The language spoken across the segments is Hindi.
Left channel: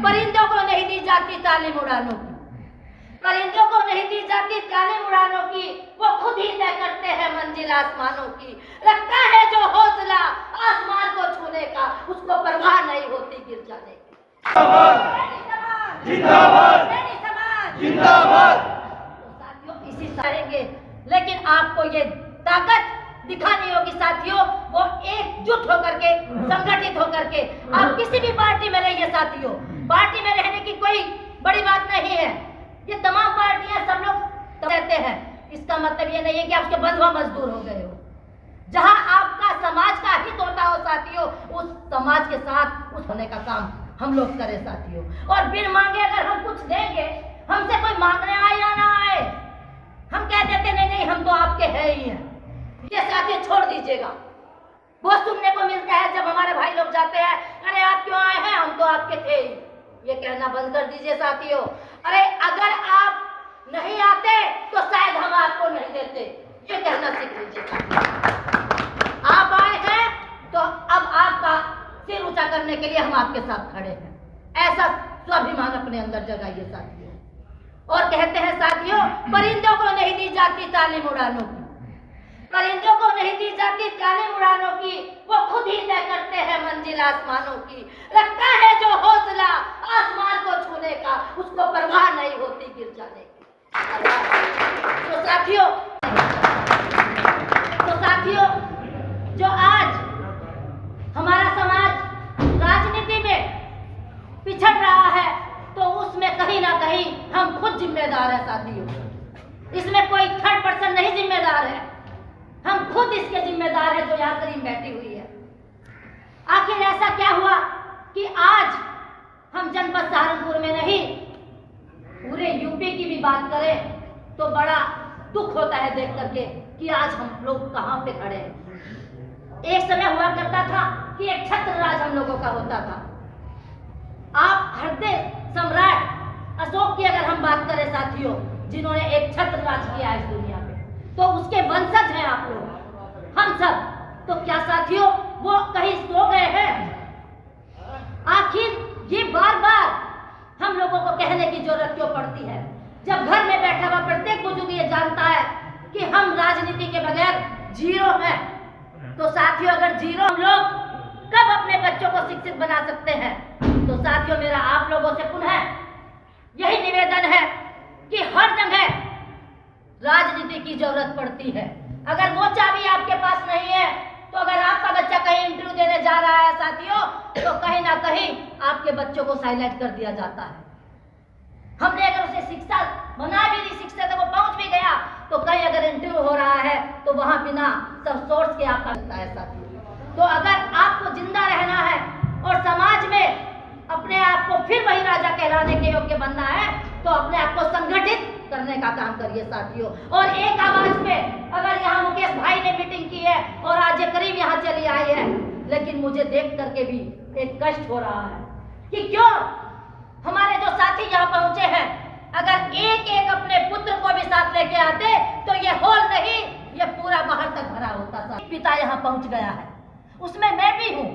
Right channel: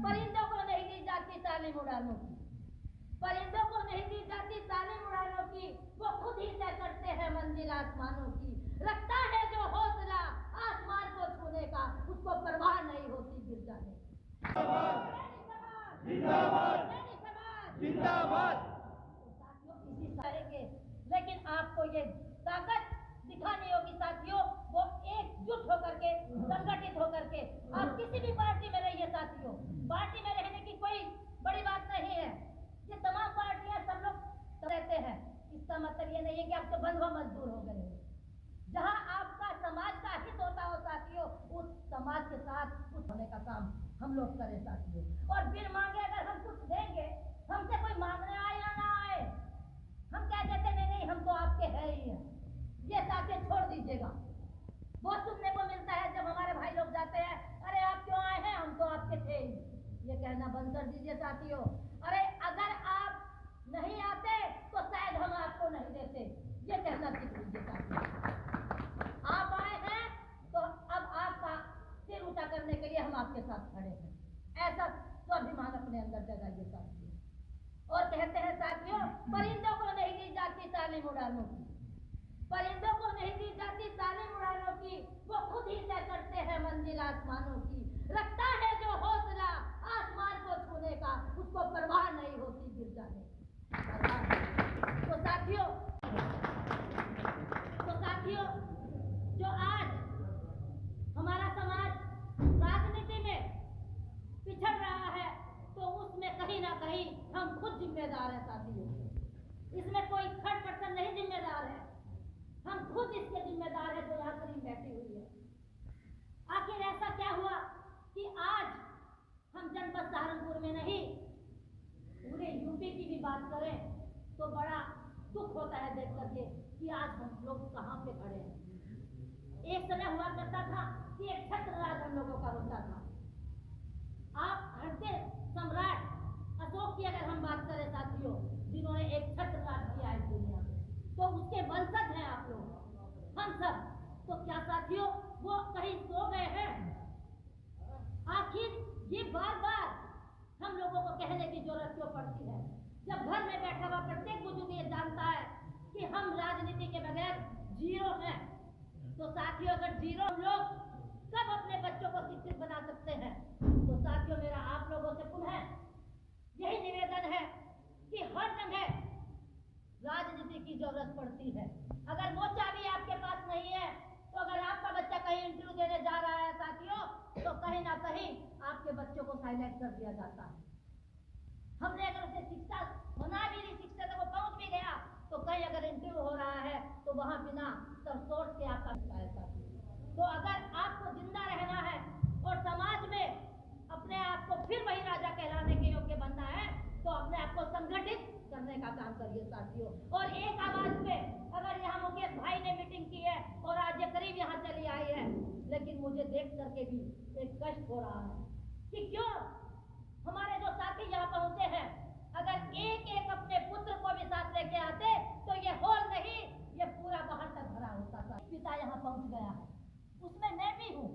परिंदों को नहीं दी जाती तालीम उड़ानों की, परिंदों को नहीं दी जाती तालीम उड़ानों की, वो खुद ही तय करते हैं मंजिल आसमानों की। रखता है जो हौसला आसमान को छूने का, उसको परवाह नहीं होती गिर जाने की। जिंदाबाद जिंदाबाद। तो साथियों इसी सहेंगे, लेकिन आपको ये ताकत दिखानी होगी साथियों, वो एकजुट होकर के, संगठित होकर के। आप किसी भी पार्टी में रहिए साथियों, पार्टी में रहने की कोई बड़ी बात नहीं है। ये तमाम पार्टियां सब लोग रहते हैं, इसका मतलब ये नहीं है कि आप उसके बंधुआ मजदूर हो गए हो। जहां आपका समाज का हित होता हो साथियों, उस समाज के साथ उस होने का काम हम लोग करें साथियों। और बिन मांगे अगर हम कुछ देंगे, हमसे कोई मांगने आए या ना आए, हम कह देते नहीं नहीं हम तो आपके हैं ही हैं, ये साथियों छोड़ दीजिएगा। बहुत सुनने को मिलता है जब हमारे भाई लोग जाते हैं, अरे आप क्यों आए हैं, हम तो आपके थे ही। ये कहना बंद कर दीजिए साथियों। अरे अगर आप नहीं आते तो शायद हम आपको नहीं देते, ये कहना सीख लीजिए। आप आए हैं तो अब आपका सिर ऊंचा करने के लिए हम आपके साथ खड़े हैं, ऐसा स्वाभिमान अपने अंदर जगाइए साथियों। और कहते हैं साथियों, परिंदों को नहीं दी जाती तालीम उड़ानों की, परिंदों को नहीं दी जाती तालीम उड़ानों की, वो खुद ही तय करते हैं मंजिल आसमानों की। रखता है जो हौसला आसमान को छूने का, उसको परवाह नहीं होती गिर जाने की। तो साथियों जो आज हमारा समाज राजनीति में पिछड़ रहा है, तो उसमें कहीं ना कहीं हम खुद जिम्मेदार हैं साथियों। इसमें कोई थर्ड पर्सन नहीं जिम्मेदार है, हम खुद इसके जिम्मेदार हैं जो यहाँ करीब बैठी हुई है। आखिर ऐसा क्या हुआ कि आज हम जनपद सहारनपुर में नहीं, पूरे यूपी की भी बात करें तो बड़ा दुख होता है देख करके कि आज हम लोग कहाँ पे खड़े हैं। एक समय हुआ करता था कि एक छत्र राज हम लोगों का होता था। आप हृदय सम्राट अशोक की अगर हम बात करें साथियों, जिन्होंने एक छत्र राज किया इस दुनिया में, तो उसके वंशज हैं आप लोग, हम सब। तो क्या साथियों वो कहीं सो गए हैं? आखिर ये बार बार हम लोगों को कहने की जरूरत क्यों पड़ती है, जब घर में बैठा हुआ प्रत्येक बुजुर्ग ये जानता है कि हम राजनीति के बगैर जीरो हैं। तो साथियों अगर जीरो हम लोग कब अपने बच्चों को शिक्षित बना सकते हैं? तो साथियों मेरा आप लोगों से पुनः यही निवेदन है कि हर जगह राजनीति की जरूरत पड़ती है। अगर वो चाबी आपके पास नहीं है, तो अगर आपका बच्चा कहीं इंटरव्यू देने जा रहा है साथियों, तो कहीं ना कहीं आपके बच्चों को साइलेंट कर दिया जाता है। हमने अगर उसे शिक्षा बना भी दी, शिक्षा तक वो पहुंच भी गया, तो कहीं अगर इंटरव्यू हो रहा है तो वहां बिना सब सोर्स के आपका लगता है साथियों। तो अगर आपको जिंदा रहना है और समाज में अपने आप को फिर वही राजा कहलाने के योग्य बनना है, तो अपने आप को संगठित करने का काम करिए साथियों। और एक आवाज में अगर यहाँ मुकेश भाई ने मीटिंग की है और आज ये करीब यहाँ चली आई है, लेकिन मुझे देख करके भी एक कष्ट हो रहा है कि क्यों हमारे जो साथी यहाँ पहुंचे हैं, अगर एक एक अपने पुत्र को भी साथ लेके आते तो ये हॉल नहीं, ये पूरा बाहर तक भरा होता था। पिता यहाँ पहुंच गया है, उसमें मैं भी हूँ,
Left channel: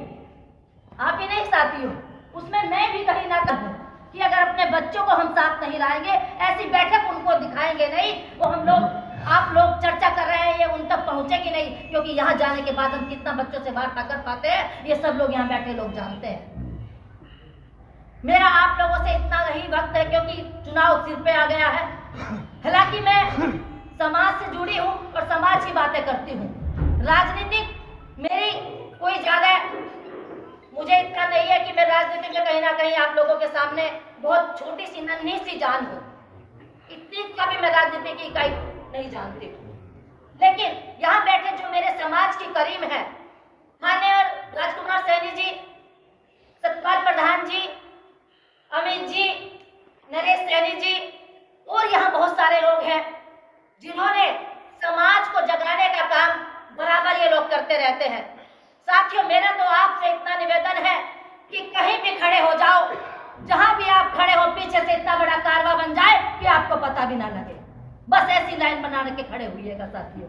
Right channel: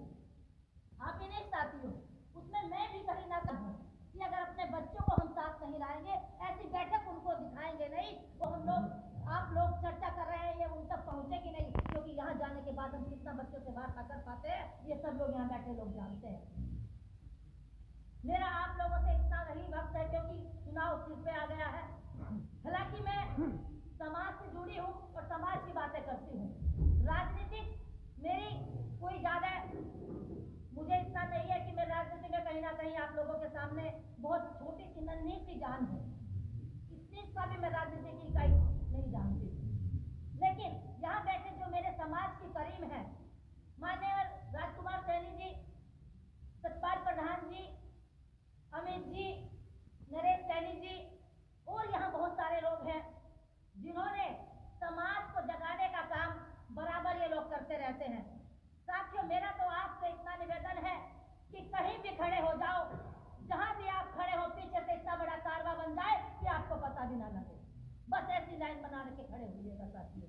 आप ही नहीं साथियों, उसमें मैं भी कहीं ना कहीं कि अगर अपने बच्चों को हम साथ नहीं लाएंगे, ऐसी बैठक उनको दिखाएंगे नहीं, वो हम लोग आप लोग चर्चा कर रहे हैं ये उन तक पहुंचेगी नहीं, क्योंकि यहाँ जाने के बाद हम कितना बच्चों से वार्ता कर पाते हैं ये सब लोग यहाँ बैठे लोग जानते हैं। मेरा आप लोगों से इतना ही वक्त है क्योंकि चुनाव सिर पे आ गया है। हालांकि मैं समाज से जुड़ी हूँ और समाज की बातें करती हूँ, राजनीतिक मेरी कोई ज्यादा मुझे इतना नहीं है कि मैं राजनीति में कहीं ना कहीं आप लोगों के सामने बहुत छोटी सी नन्ही सी जान हूँ, इतनी का भी मैं राजनीति की इकाई नहीं जानती हूँ। लेकिन यहाँ बैठे जो मेरे समाज की करीब है, माननीय राजकुमार सैनी जी, सतपाल प्रधान जी, अमित जी, नरेश सैनी जी, और यहाँ बहुत सारे लोग हैं जिन्होंने समाज को जगाने का काम बराबर ये लोग करते रहते हैं। साथियों मेरा तो आपसे इतना निवेदन है कि कहीं भी खड़े हो जाओ, जहां भी आप खड़े हो, पीछे से इतना बड़ा कारवा बन जाए कि आपको पता भी ना लगे, बस ऐसी लाइन बना के खड़े हुइएगा साथियों।